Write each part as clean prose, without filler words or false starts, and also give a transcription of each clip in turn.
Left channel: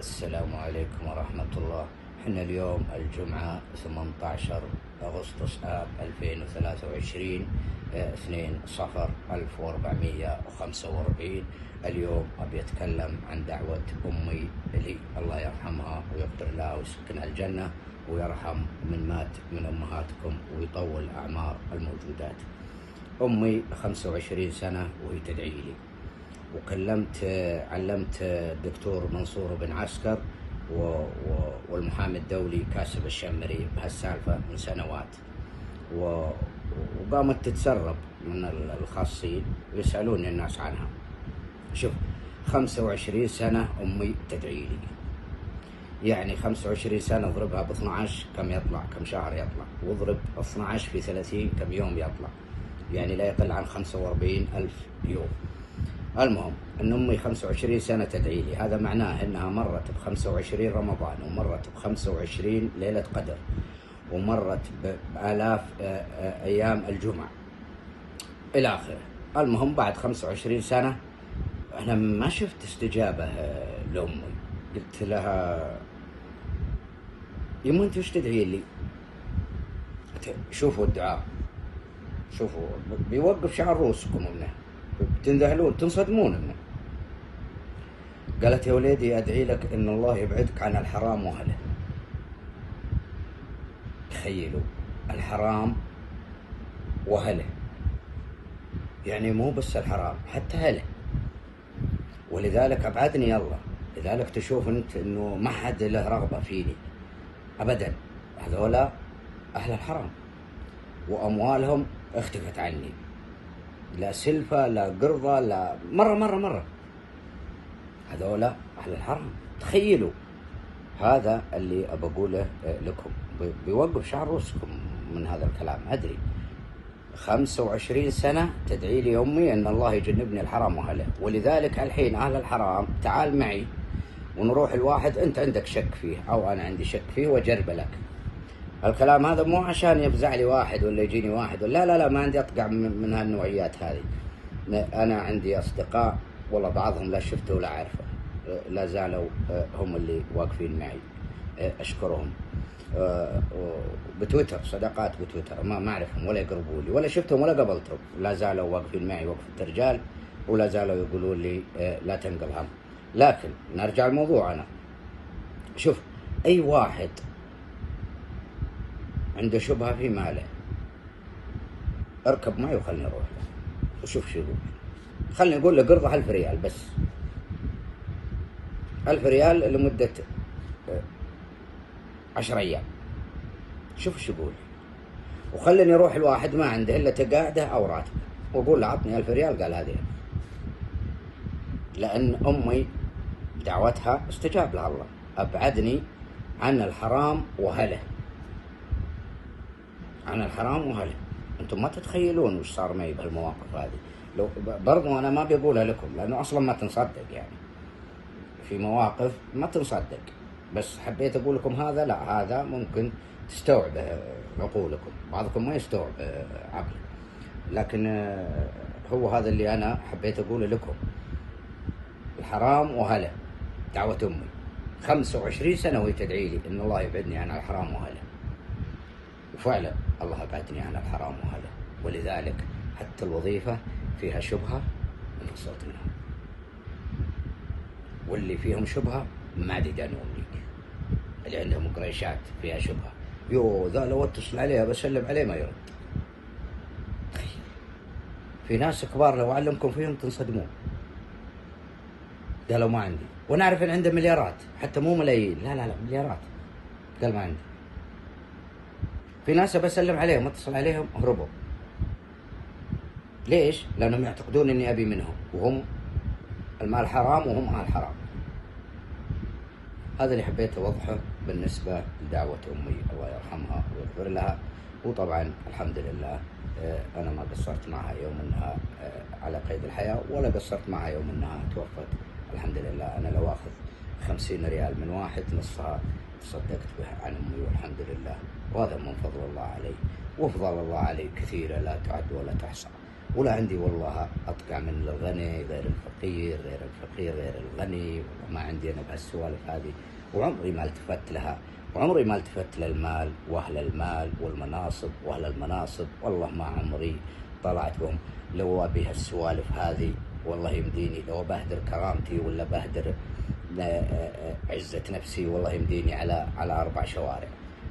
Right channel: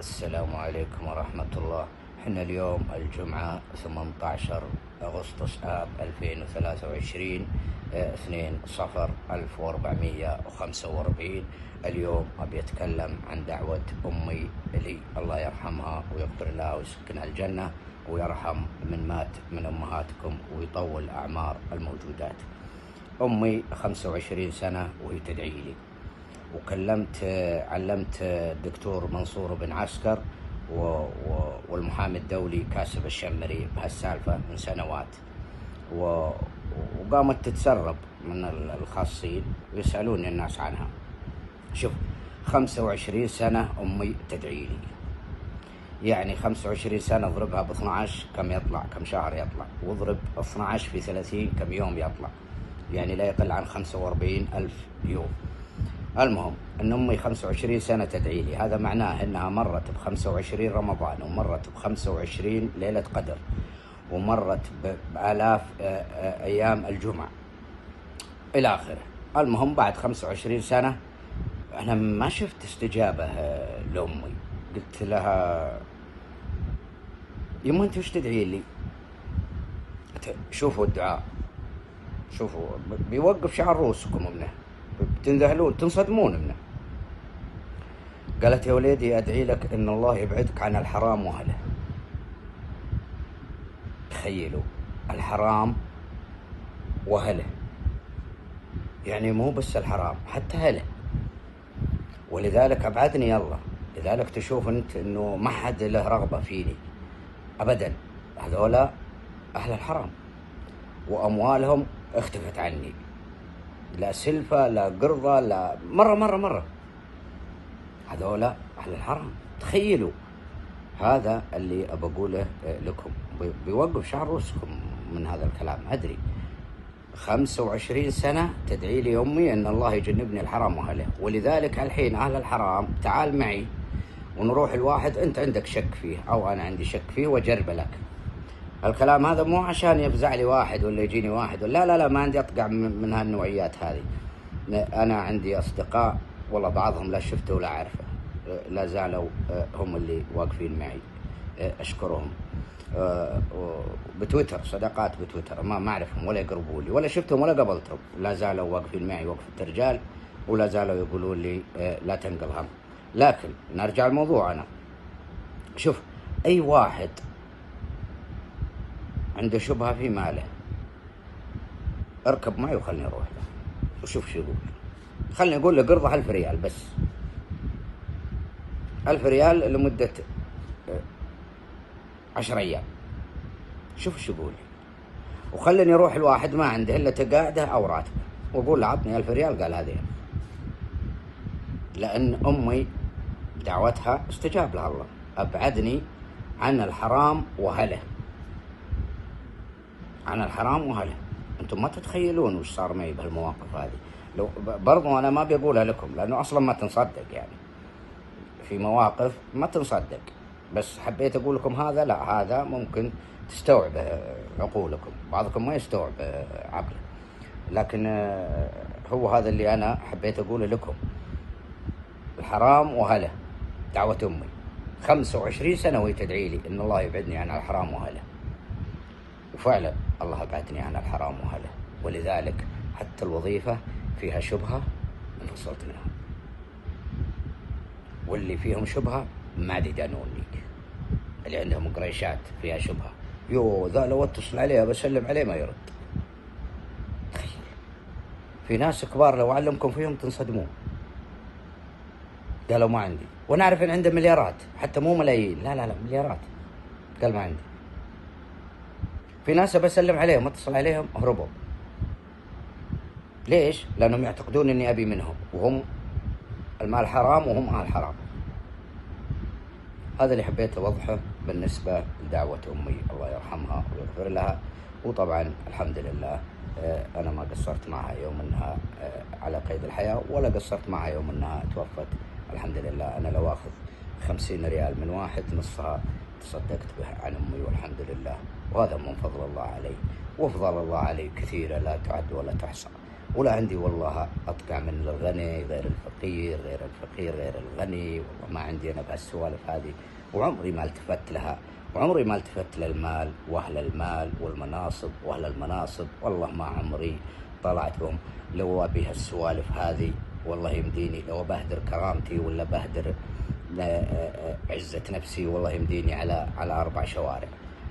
السلام عليكم ورحمة الله. احنا اليوم الجمعة 18 أغسطس آب 2023 2 صفر 1445. اليوم أبي أتكلم عن دعوة أمي لي، الله يرحمها ويغفر لها ويسكنها الجنة ويرحم من مات من أمهاتكم ويطول أعمار الموجودات. أمي 25 سنة وهي تدعي لي، علمت الدكتور منصور بن عسكر والمحامي الدولي كاسب الشمري بهالسالفة من سنوات، وقامت تتسرب من الخاصين ويسألوني الناس عنها. شوف، 25 سنة أمي تدعي لي، يعني 25 سنة اضربها ب 12 كم يطلع، كم شهر يطلع، واضرب 12 في 30 كم يوم يطلع، يعني لا يقل عن 45,000 يوم. المهم ان امي 25 سنة تدعي لي، هذا معناه انها مرت ب 25 رمضان، ومرت ب 25 ليلة قدر، ومرت بآلاف ايام الجمعة الى اخره. المهم بعد 25 سنة انا ما شفت استجابة لامي. قلت لها يما انت وش تدعي لي؟ شوفوا الدعاء، شوفوا بيوقف شعر رؤوسكم منه، بتنذهلون تنصدمون منه. قالت يا وليدي ادعي لك ان الله يبعدك عن الحرام واهله. تخيلوا، الحرام واهله، يعني مو بس الحرام حتى اهله، ولذلك ابعدني الله. لذلك تشوف انت انه ما حد له رغبة فيني ابدا، هذولا اهل الحرام واموالهم اختفت عني، لا سلفة لا قرضة لا مرة هذولا أهل الحرام. تخيلوا، هذا اللي أبقوله لكم، بيوقف شعر رؤوسكم من هذا الكلام. أدري 25 سنة تدعي لي أمي أن الله يجنبني الحرام وأهله، ولذلك الحين أهل الحرام تعال معي ونروح الواحد أنت عندك شك فيه أو أنا عندي شك فيه وأجرب لك. الكلام هذا مو عشان يفزع لي واحد ولا يجيني واحد ولا لا، ما عندي أطقع من هالنوعيات هذه. أنا عندي أصدقاء والله بعضهم لا شفته ولا عارفه، لا زالوا هم اللي واقفين معي، أشكرهم. بتويتر، صداقات بتويتر ما أعرفهم ولا يقربوا لي ولا شفتهم ولا قبلتهم، لا زالوا واقفين معي وقفة رجال، ولا زالوا يقولون لي لا تنقل هم. لكن نرجع لموضوعنا. شوف، أي واحد عنده شبهة في ماله اركب معي وخلني اروح له وشوف شو يقول. خلني اقول له قرضه 1000 ريال بس، 1000 ريال لمدة 10 ايام، شوف شو يقول. وخلني اروح الواحد ما عنده الا تقاعده او راتبه واقول له عطني 1000 ريال، قال هذه 1000. لان امي دعوتها استجاب لها الله، ابعدني عن الحرام واهله، عن الحرام واهله. انتم ما تتخيلون وش صار معي بهالمواقف هذه. لو برضو انا ما بقولها لكم لانه اصلا ما تنصدق، يعني في مواقف ما تنصدق، بس حبيت اقول لكم هذا. لا، هذا ممكن تستوعب عقولكم، بعضكم ما يستوعب عقله، لكن هو هذا اللي انا حبيت اقوله لكم. الحرام واهله، دعوة امي 25 سنة وهي تدعي لي ان الله يبعدني عن الحرام واهله، وفعلا الله أبعدني عن الحرام وأهله. ولذلك حتى الوظيفة فيها شبهة انفصلت منها، واللي فيهم شبهة ما دانوني، اللي عندهم قريشات فيها شبهة، ذا لو اتصل عليه بسلم عليه ما يرد. تخيل، في ناس كبار لو أعلمكم فيهم تنصدمون. قالوا ما عندي، ونعرف ان عنده مليارات، حتى مو ملايين، لا مليارات، قال ما عندي. في ناس بسلم عليهم اتصل عليهم هربوا. ليش؟ لانهم يعتقدون اني ابي منهم، وهم المال حرام وهم اهل حرام. هذا اللي حبيت اوضحه بالنسبه لدعوه امي، الله يرحمها ويغفر لها. وطبعا الحمد لله انا ما قصرت معها يوم انها على قيد الحياه، ولا قصرت معها يوم انها توفت. الحمد لله انا لو اخذ 50 ريال من واحد نصها تصدقت به عن امي، والحمد لله. وهذا من فضل الله علي، وفضل الله علي كثيرة لا تعد ولا تحصى. ولا عندي والله أطقع من الغني غير الفقير، غير الفقير غير الغني. والله ما عندي أنا بهالسوالف هذه، وعمري ما التفت لها، وعمري ما التفت للمال وأهل المال والمناصب وأهل المناصب. والله ما عمري طلعت بهم. لو أبي هالسوالف هذه والله يمديني، لو بهدر كرامتي ولا بهدر عزة نفسي، والله يمديني على 4 شوارع.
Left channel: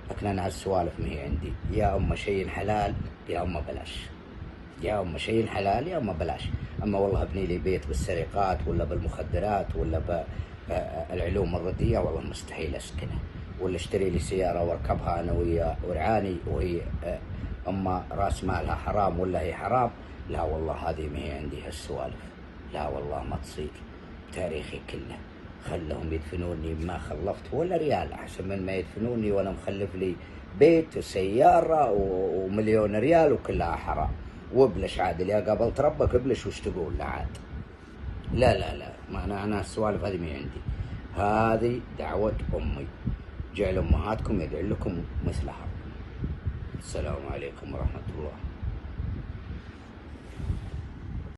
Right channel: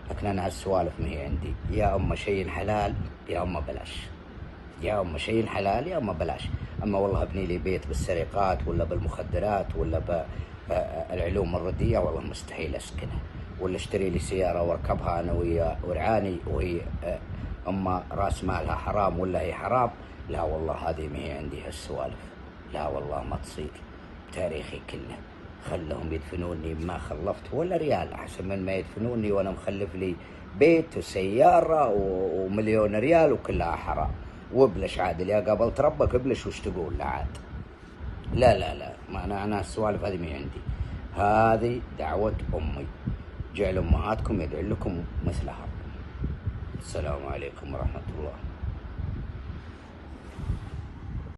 لكن أنا هالسوالف ما هي عندي. يا أما شيء حلال يا أما بلاش، يا أما شيء حلال يا أما بلاش. أما والله ابني لي بيت بالسرقات ولا بالمخدرات ولا بالعلوم الردية، والله مستحيل أسكنه. ولا اشتري لي سيارة واركبها أنا ويا ورعاني وهي أما راس مالها حرام ولا هي حرام. لا والله هذه ما هي عندي هالسوالف، لا والله ما تصير. تاريخي كله خلهم يدفنوني ما خلفت ولا ريال، أحسن من ما يدفنوني وأنا مخلف لي بيت وسيارة ومليون ريال وكلها حرام. وابلش عادل يا قابلت ربك ابلش وش تقول لا عاد. لا لا لا، ما أنا السوالف هذه ما عندي. هذه دعوة أمي، جعل أمهاتكم يدعو لكم مثلها. السلام عليكم ورحمة الله.